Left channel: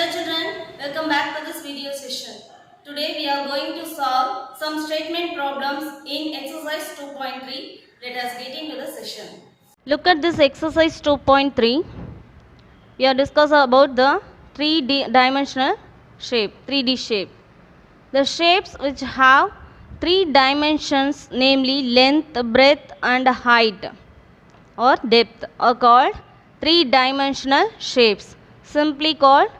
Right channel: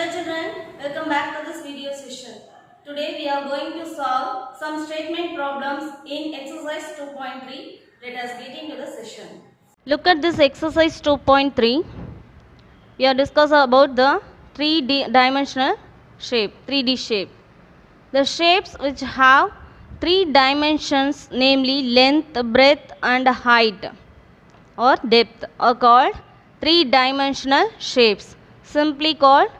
Hello children, welcome back to this video session. Today we are going to solve some statement problems in exercise 2.3. Let us get into the session. Look at this exercise 2.3. We are discussing about the 3D-dimensional shape, 3D shape. The shapes which have 3 dimensions, namely length, breadth and height or depth, are called 3-dimensional shapes, simply called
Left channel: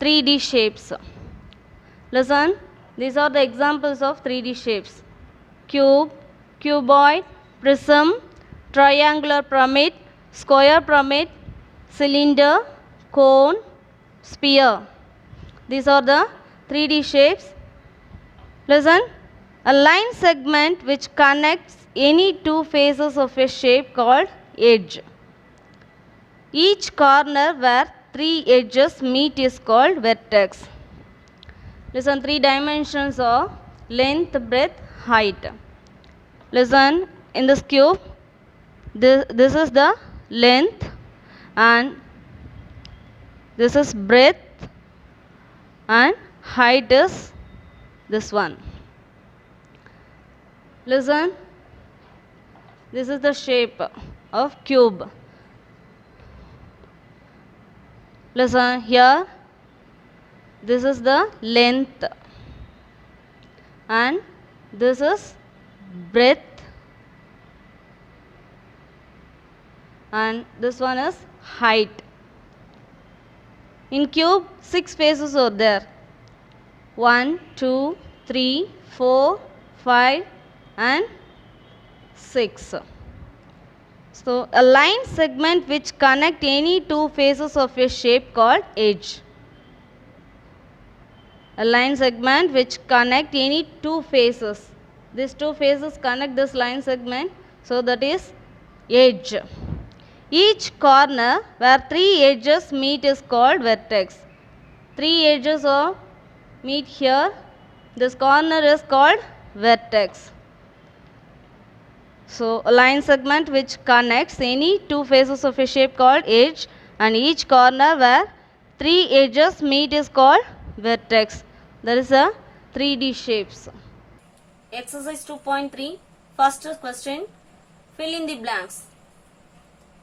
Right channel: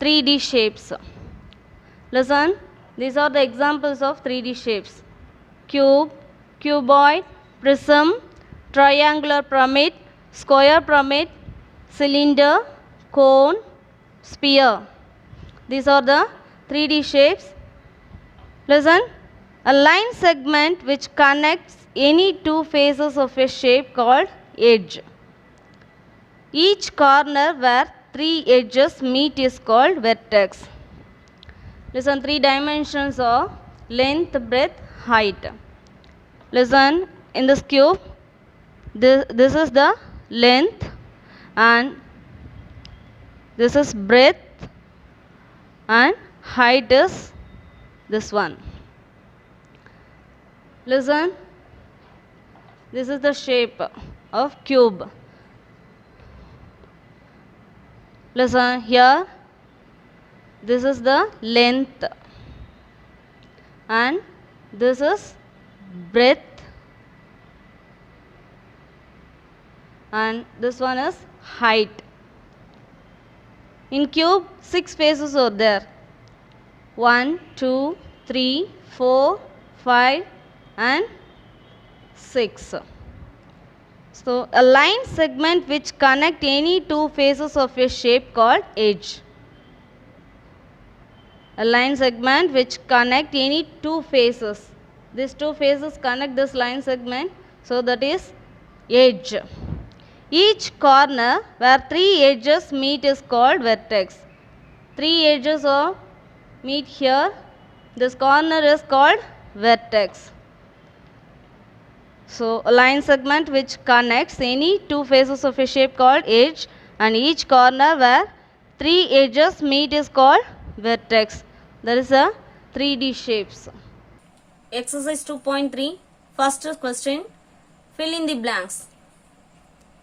3D shapes. Listen, these are the examples of 3D shapes: cube, cuboid, prism, triangular pyramid, square pyramid, cylinder, cone, sphere. These are the 3D shapes. Listen, a line segment which connects any two faces of a shape called edge. Each corner where 3 edges meet is called vertex. Listen, 3 dimensions are length, breadth, height. Listen, in this cube, this is the length and this is breadth and height is this one. Listen, this is the shape of cube. Listen, here this is the length and this is breadth and this one is height. In cube, 6 faces are there. 1, 2, 3, 4, 5 and 6. So, a line segment which connect any two faces of a shape called edge. A line segment which connect any two faces. These two faces connect this line segment, so that is edge. Each corner where 3 edges meet is called vertex. 3 edges are meet here. This corner is called vertex. So, a line segment which connects any two faces of a shape called edge, and each corner where 3 edges meet is called vertex. There is a 3D shapes. Exercise 2.3. First question. Fill in the blanks.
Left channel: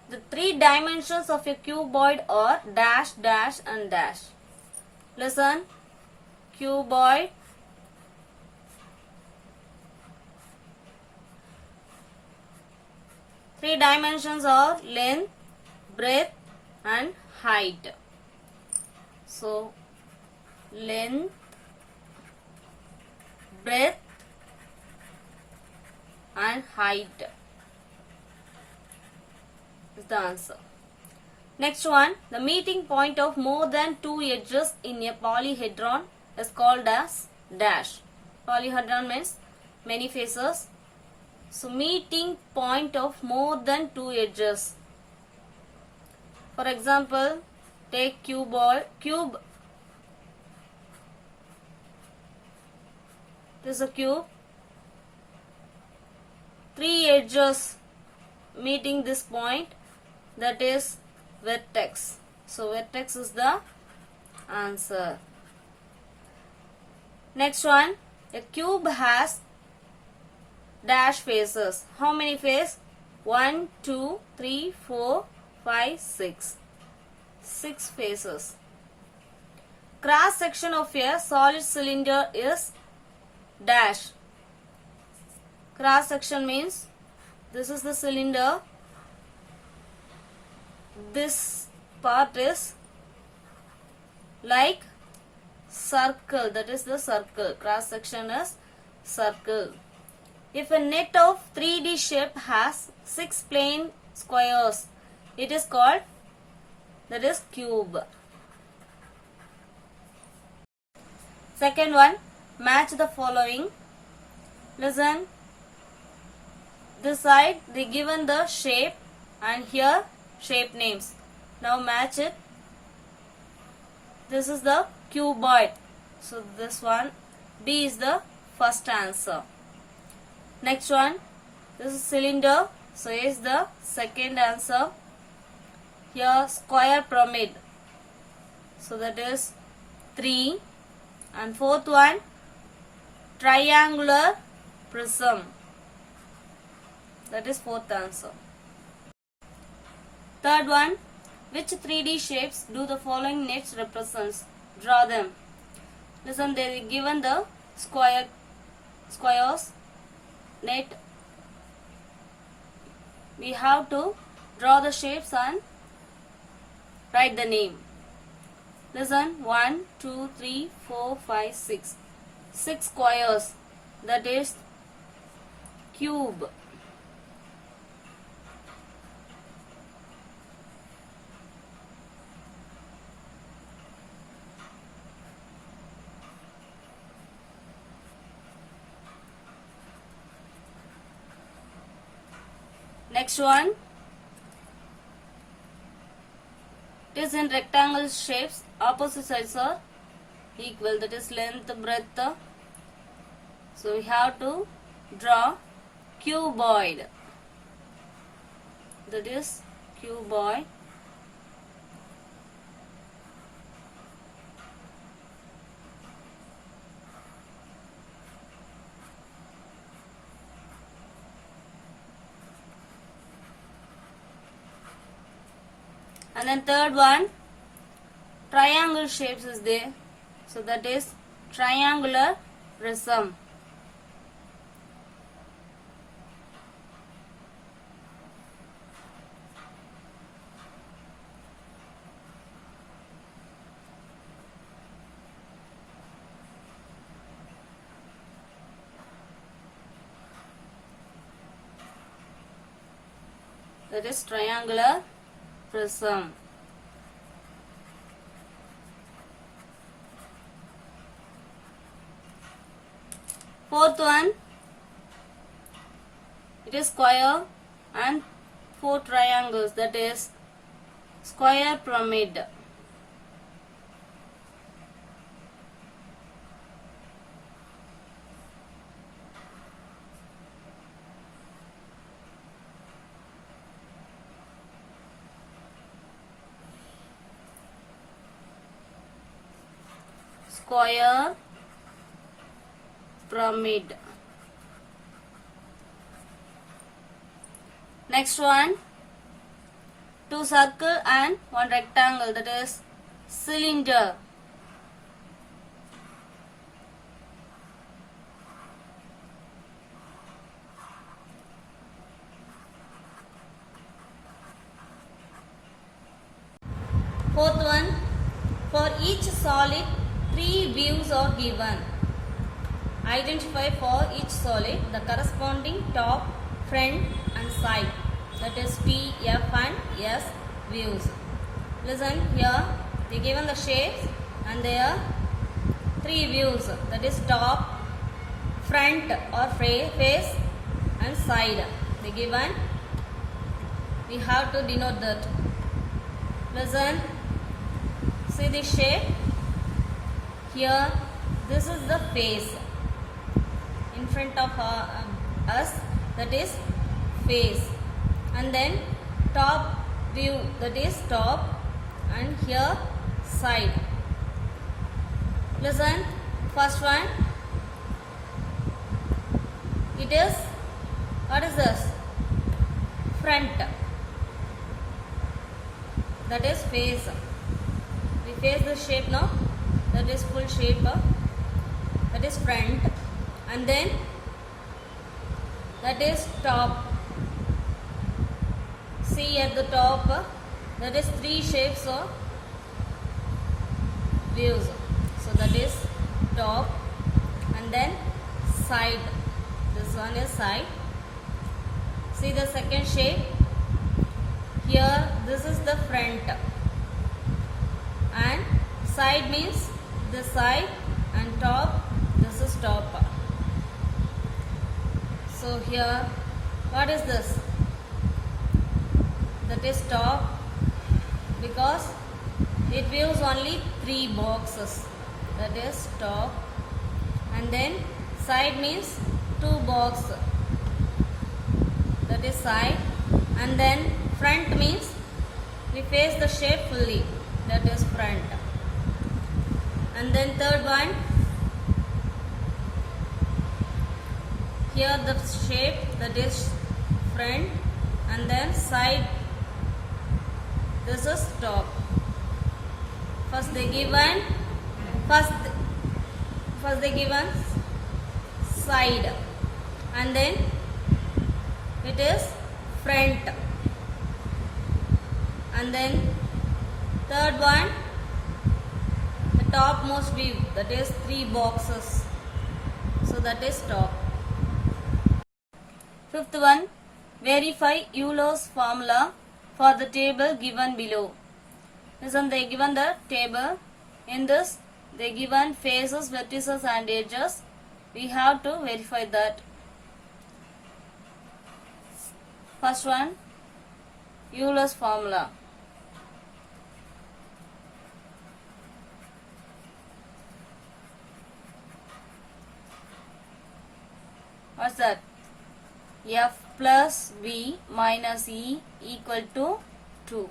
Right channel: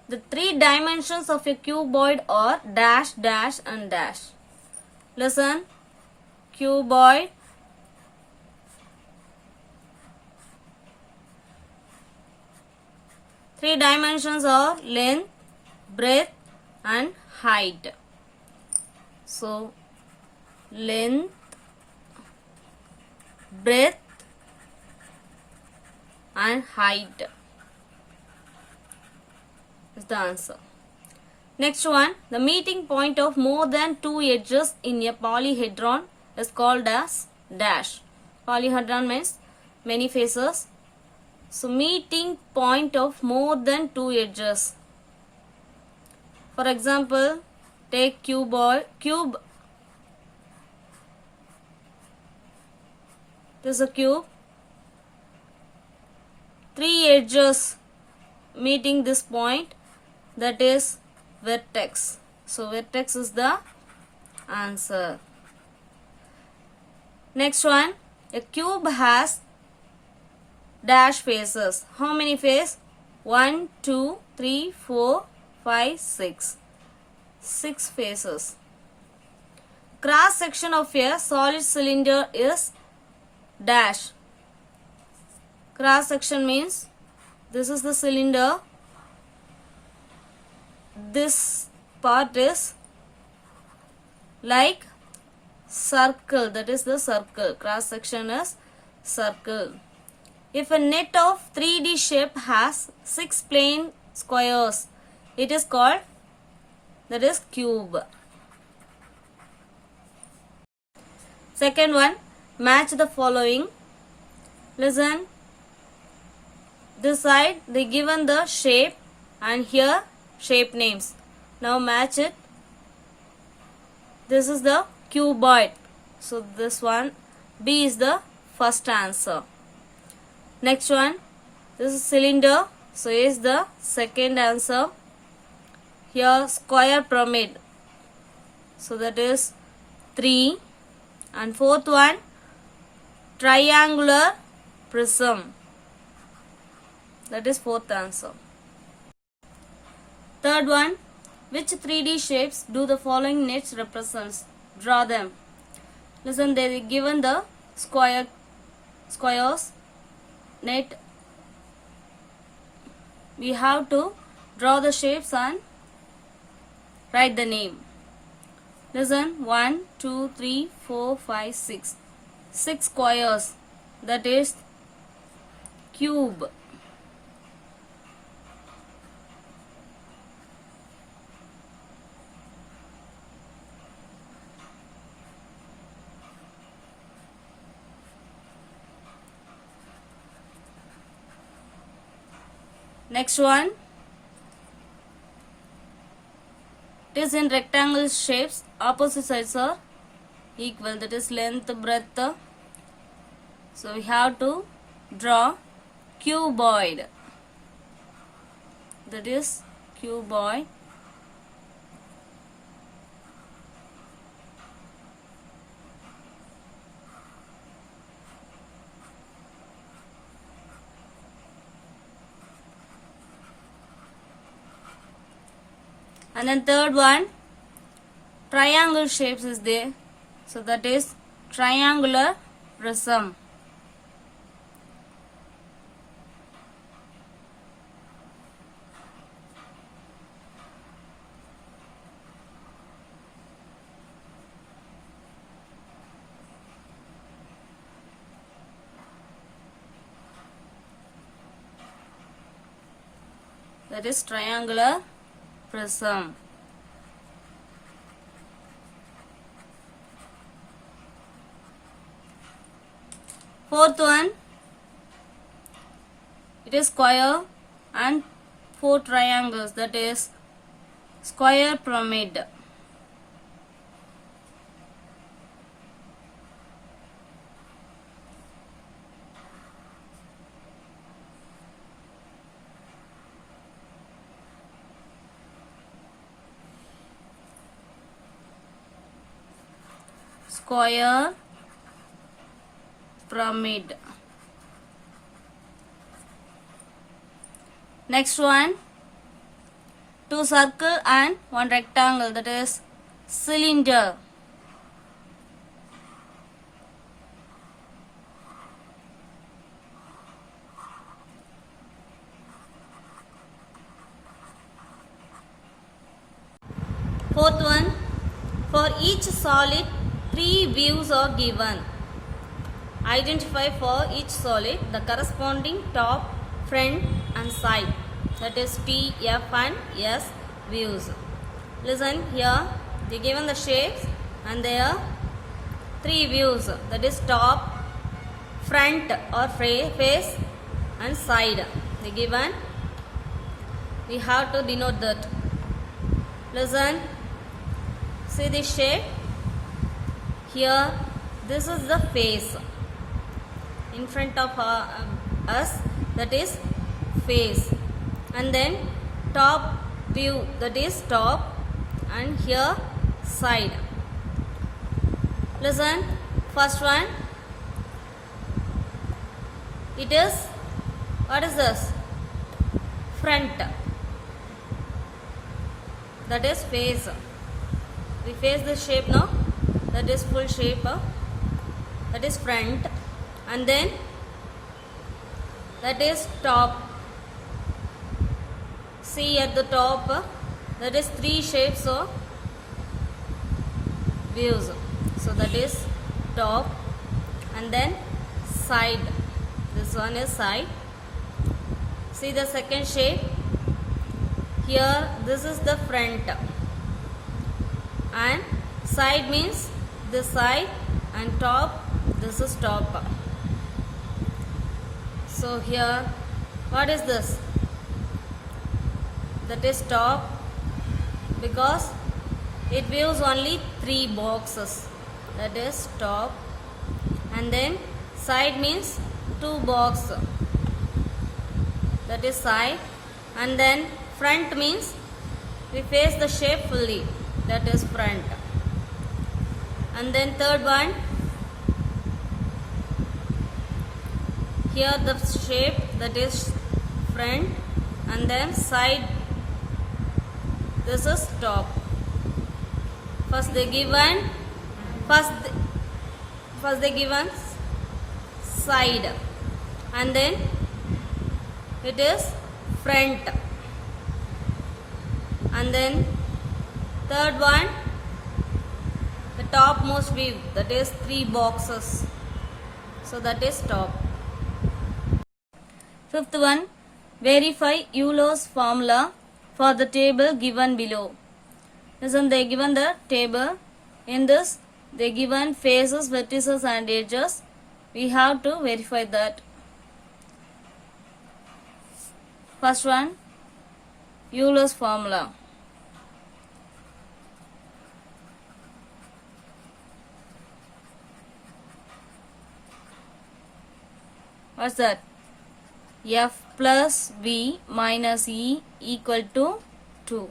The 3 dimensions of a cuboid are dash, dash and dash. Listen. Cuboid, three dimensions are length, breadth and height. So, length, breadth and height is the answer. Next one, the meeting point of more than 2 edges in a polyhedron is called as dash. Polyhedron means many faces. So, meeting point of more than 2 edges. For example, take cube. This is a cube. 3 edges meeting this point, that is vertex. So, vertex is the answer. Next one, a cube has dash faces. How many faces? 1, 2, 3, 4, 5, 6. 6 faces. Cross section of a solid cylinder is dash. Cross section means this is the cylinder. This part is like circle, that is the circle. Cross section is circle. If a net of 3D shape has 6 plane squares, it is called, that is cube. Second one, match the following. Listen, this side they given the shape and here shape names. Now match it. This is the cuboid. So this one, B is the first answer. Next one, this is cylinder. So A is the second answer. Here square pyramid. So that is 3, and fourth one triangular prism. That is fourth answer. Third one, which 3D shapes do the following nets represents? Draw them. Listen, they given the squares net. We have to draw the shapes and write the name. Listen, 1, 2, 3, 4, 5, 6. 6 squares, that is cube. Next one, it is in rectangle shapes, opposite sides are equal, that is length, breadth. So we have to draw cuboid, that is cuboid. And then third one, triangle shapes is there. So that is triangular prism. That is triangular prism. Fourth one, it is square and 4 triangles, that is square pyramid. Square pyramid. Next one, 2 circle and 1 rectangle, that is cylinder. Fourth one, for each solid 3 views are given. Identify for each solid the corresponding top, front and side, that is T, F and S views. Listen, here they given the shapes and there are 3 views, that is top, front or face and side. They given, we have to denote that. Listen, see this shape. Here, this is the face in front of us, that is face, and then top view, that is top, and here side. Listen, first one, it is, what is this? Front, that is face. We face the shape now, that is full shape, that is front, and then that is top. See at the top, that is 3 shapes of views. So that is top, and then side. This one is side. See the second shape. Here this is the front, and side means this side, and top, this is top. So here, what is this? That is top, because it views only 3 boxes, that is top, and then side means 2 boxes, that is side, and then front means we face the shape fully, that is front. And then third one, here the shape, that is front, and then side, this is top. First they given side, and then it is front, and then third one, the topmost view, that is 3 boxes, so that is top. Fifth one, verify Euler's formula for the table given below. Listen, they given the table. In this, they given faces, vertices and edges. We have to verify that. First one, Euler's formula. What's that? F plus V minus E equal to 2.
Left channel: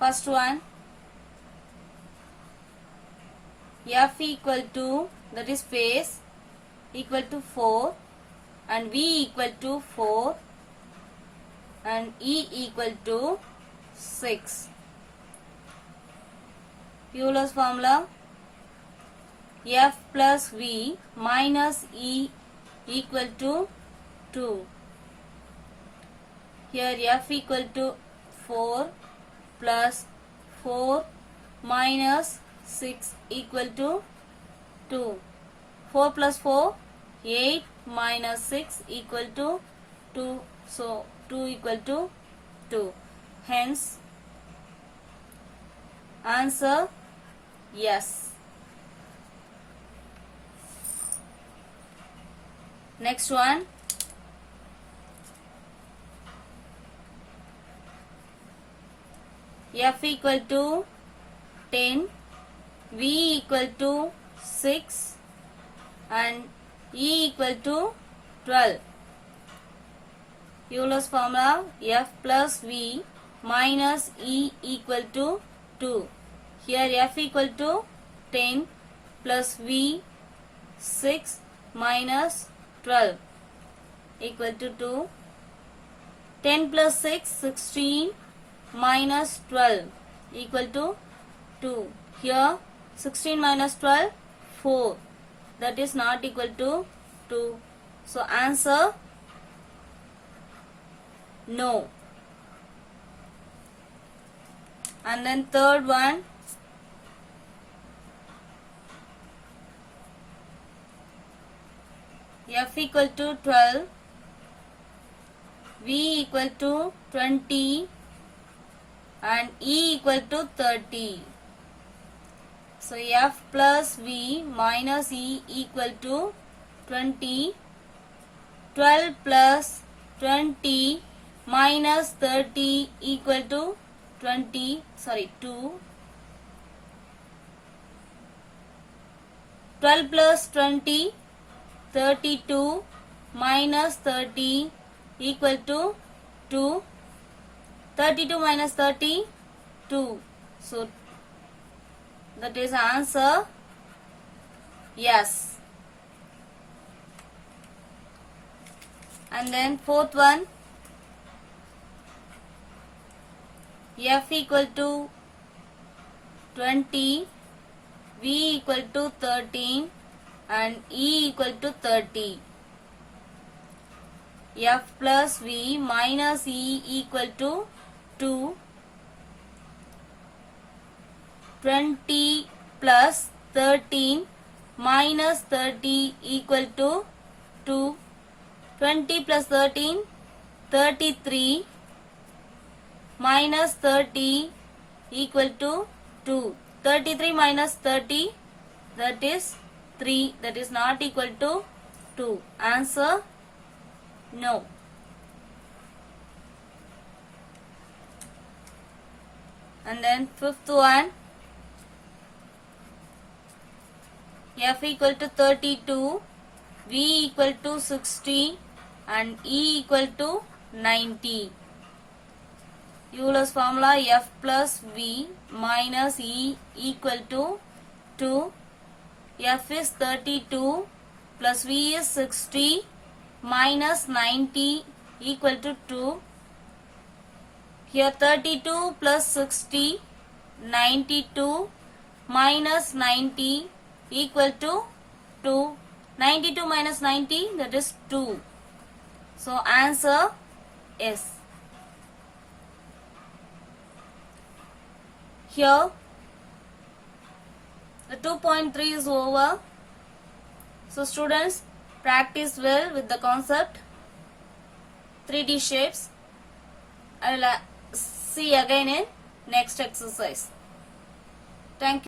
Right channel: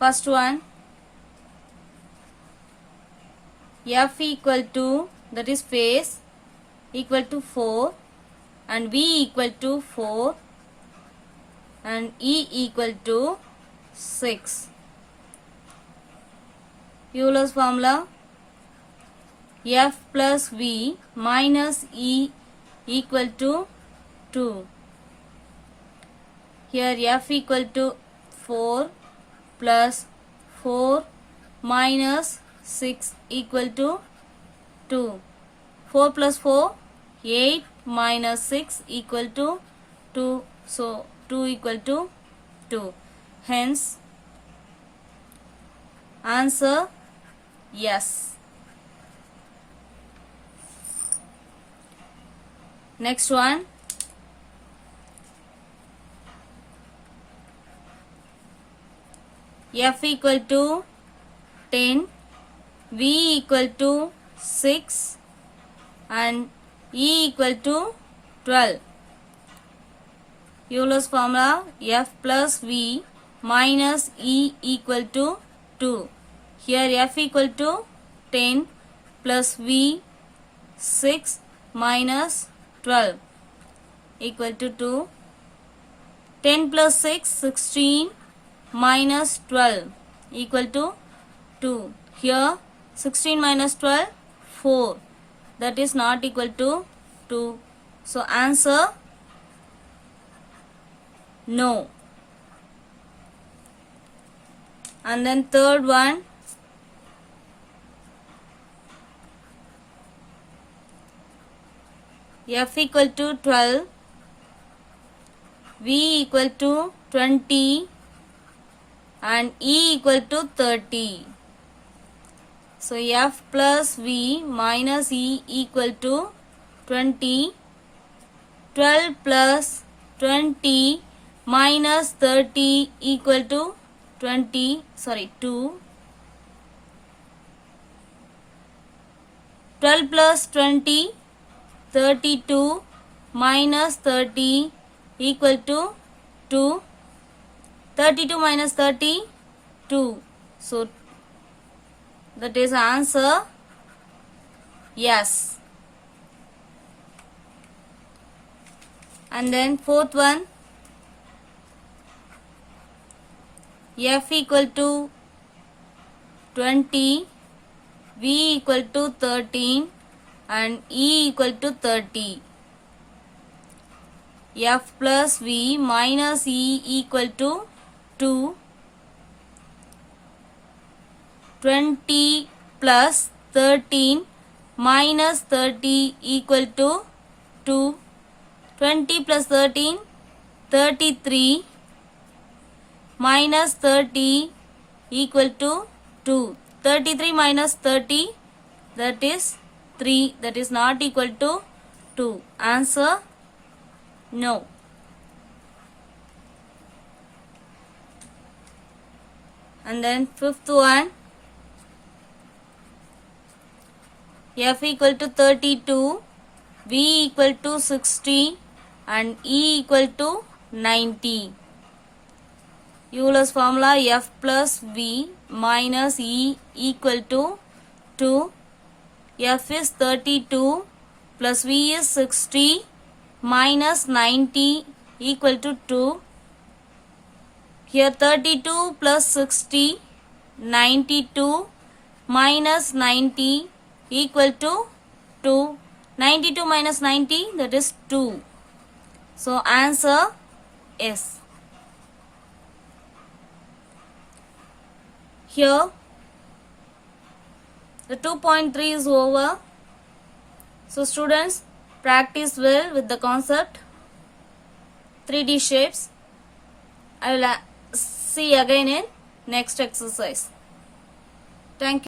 First one, F equal to, that is face, equal to 4, and V equal to 4, and E equal to 6. Euler's formula, F plus V minus E equal to 2. Here F equal to 4 plus 4 minus 6 equal to 2. 4 plus 4, 8 minus 6 equal to 2. So 2 equal to 2. Hence, answer yes. Next one, F equal to 10, V equal to 6 and E equal to 12. Euler's formula, F plus V minus E equal to 2. Here F equal to 10 plus V 6 minus 12 equal to 2. 10 plus 6, 16 minus 12 equal to 2. Here 16 minus 12, 4. That is not equal to 2. So answer no. And then third one, F equal to 12, V equal to 20 and E equal to 30. So F plus V minus E equal to 20. 12 plus 20 minus 30 equal to 2. 12 plus 20, 32 minus 30 equal to 2. 32 minus 30, 2. So that is answer yes. And then fourth one, F equal to 20, V equal to 13 and E equal to 30. F plus V minus E equal to 2. 20 plus 13 minus 30 equal to 2. 20 plus 13, 33 minus 30 equal to 2. 33 minus 30, that is 3. That is not equal to 2. Answer no. And then fifth one, F equal to 32, V equal to 60 and E equal to 90. Euler's formula F plus V minus E equal to 2. F is 32 plus V is 60 minus 90 equal to 2. Here 32 plus 60, 92 minus 90 equal to 2. 92 minus 90, that is 2. So answer is. Here the 2.3 is over. So students, practice well with the concept 3D shapes. I will see again in next exercise. Thank you.